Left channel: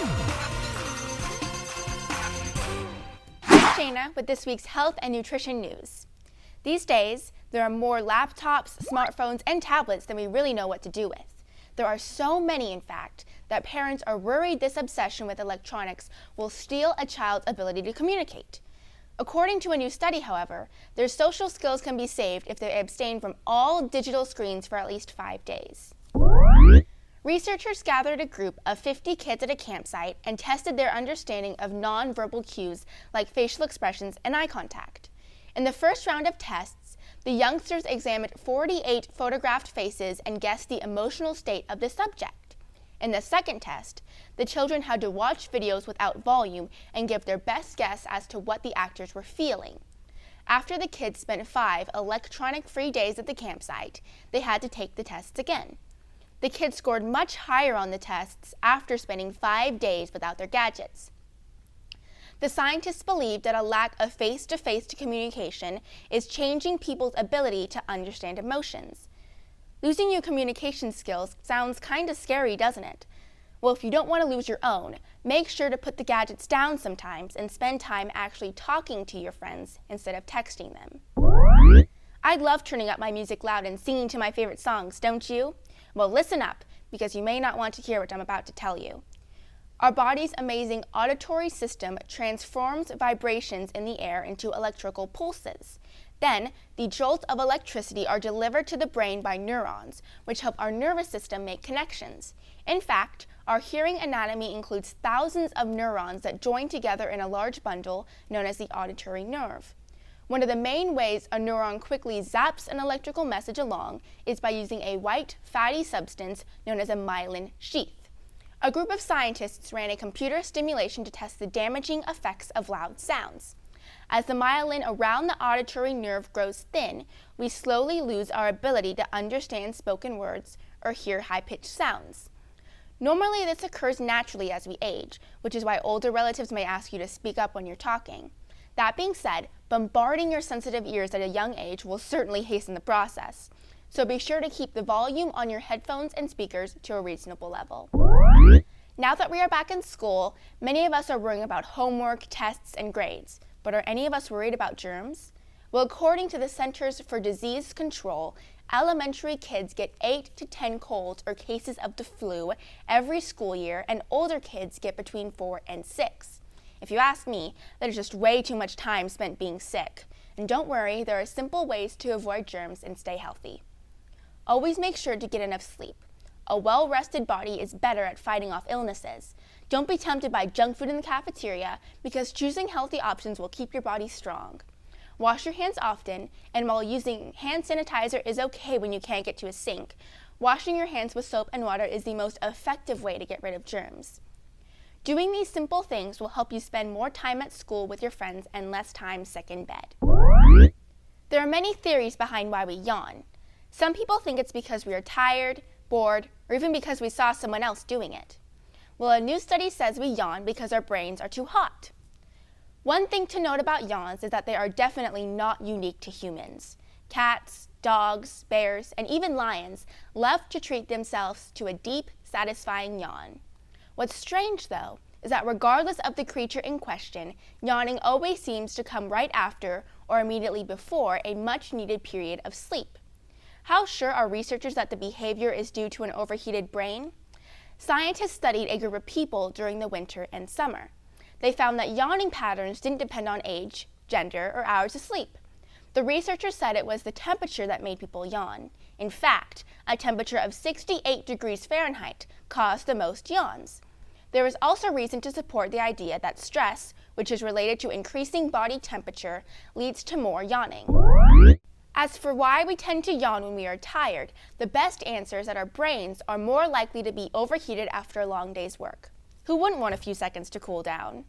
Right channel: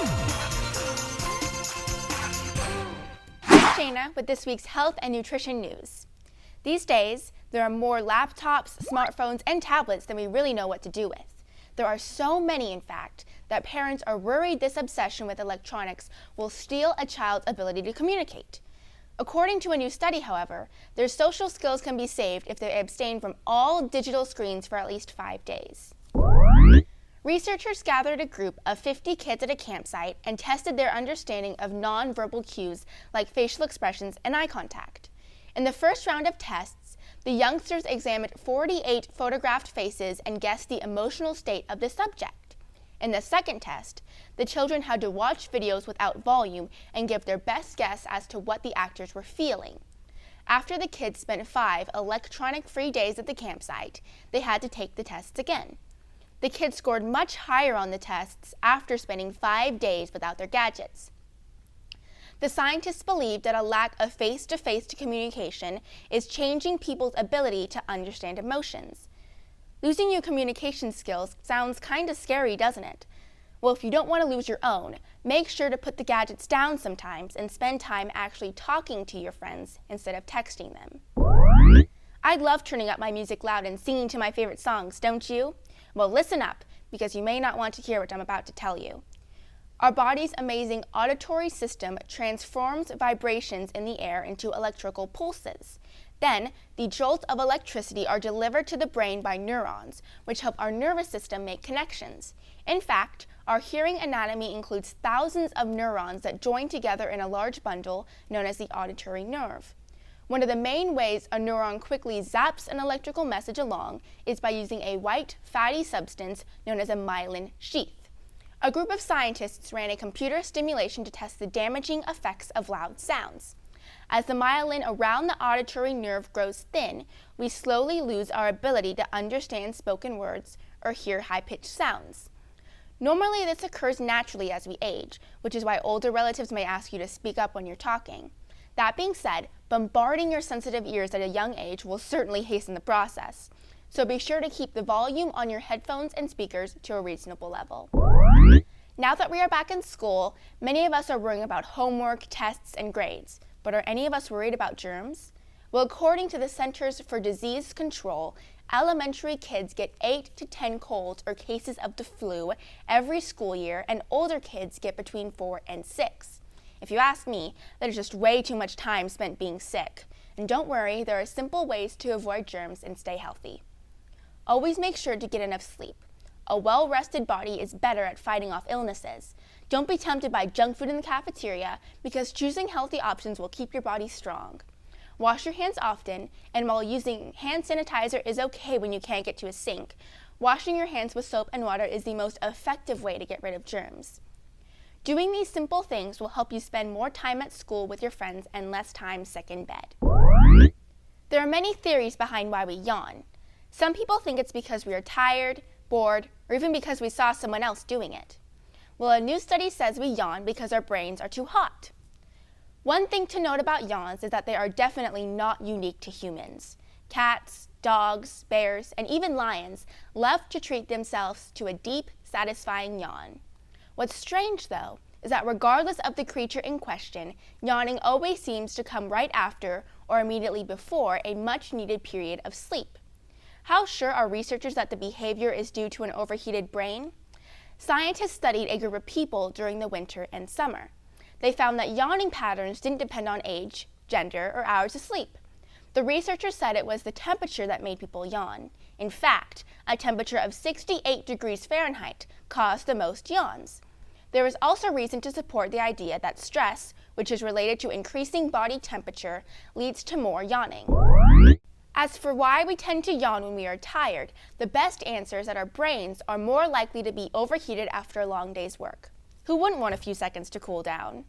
I'm Shayna with this week's health and nutrition news. These days, there are more laptops, smartphones, and tablets than we really know what to do with. There are so many, in fact, that parents are worried this obsession with electronics will steal a child's ability to communicate. According to a new study, however, their social skills can be saved if they abstain from all digital screens for at least 5 days. Researchers gathered a group of 50 kids at a campsite and tested their understanding of nonverbal cues like facial expressions and eye contact. In the first round of tests, the youngsters examined 48 photographed faces and guessed the emotional state of the subject. In the second test, the children had to watch videos without volume and give their best guess as to what the actors were feeling. After the kids spent 5 electronic-free days at the campsite, they had to take the tests again. The kids scored much higher on the tests after spending 5 days without their gadgets. The scientists believe that a lack of face-to-face communication is changing people's ability to understand emotions. Losing your communication skills sounds kind of scary, doesn't it? Well, if you don't want to lose your own, make sure to put the gadgets down sometimes and spend time actually talking to your friends instead of texting them. I love turning up my music loud and singing to my favorite songs, don't you? Well, listen up, because you may not want to hear what I'm about to tell you. Our body's amazing auditory system transforms vibrations in the air into electrical pulses. Then, the jolts of electricity are delivered to the brain by neurons, which help our nervous system make connections. In fact, our hearing anatomy includes thousands of neurons that join together in a large bundle known as the auditory nerve. One of the main ways a neuron quickly zaps an electrical message along is by using a white, fatty substance known as a myelin sheath. A group of scientists ran a computer simulation to test the damaging effects of loud sounds. As the myelin around the auditory nerve grows thin, we slowly lose our ability to understand spoken words or hear high-pitched sounds. Normally, this occurs naturally as we age, which is why older relatives may ask you to speak up when you're talking. That being said, bombarding your sensitive ears at a young age will certainly hasten the process. So be sure to keep the volume on your headphones and speakers to a reasonable level. Now that we are back in school, many of us are worrying about homework, tests, and grades. But are any of us worried about germs? Well, according to the Centers for Disease Control, elementary kids get 8 to 10 colds or cases of the flu every school year, and older kids get between 4 and 6. If you ask me, that is just way too much time spent being sick. And don't worry, there are simple ways to avoid germs and stay healthy. Always make sure to get enough sleep. A well-rested body is better at fighting off illnesses. Don't be tempted by junk food in the cafeteria, because choosing healthy options will keep your body strong. Wash your hands often, and while using hand sanitizer is okay when you can't get to a sink, washing your hands with soap and water is the most effective way to get rid of germs. Doing these simple things will help you spend more time at school with your friends and less time sick in bed. There are many theories behind why we yawn. Some people think it's because we are tired, bored, or even because we saw someone else doing it. Well, a new study says we yawn because our brains are too hot. One thing to note about yawns is that they are definitely not unique to humans. Cats, dogs, bears, and even lions love to treat themselves to a deep, satisfying yawn. What's strange, though, is that regardless of the creature in question, yawning always seems to come right after or immediately before a much-needed period of sleep. How sure are researchers that the behavior is due to an overheated brain? Scientists studied a group of people during the winter and summer. They found that yawning patterns didn't depend on age, gender, or hours of sleep. The researchers said it was the temperature that made people yawn. In fact, a temperature of 68 degrees Fahrenheit caused the most yawns. There is also reason to support the idea that stress, which is related to increasing body temperature, leads to more yawning. As for why we tend to yawn when we are tired, the best answer is that our brains are more likely to be overheated after a long day's work. Who wouldn't want a few seconds to cool down?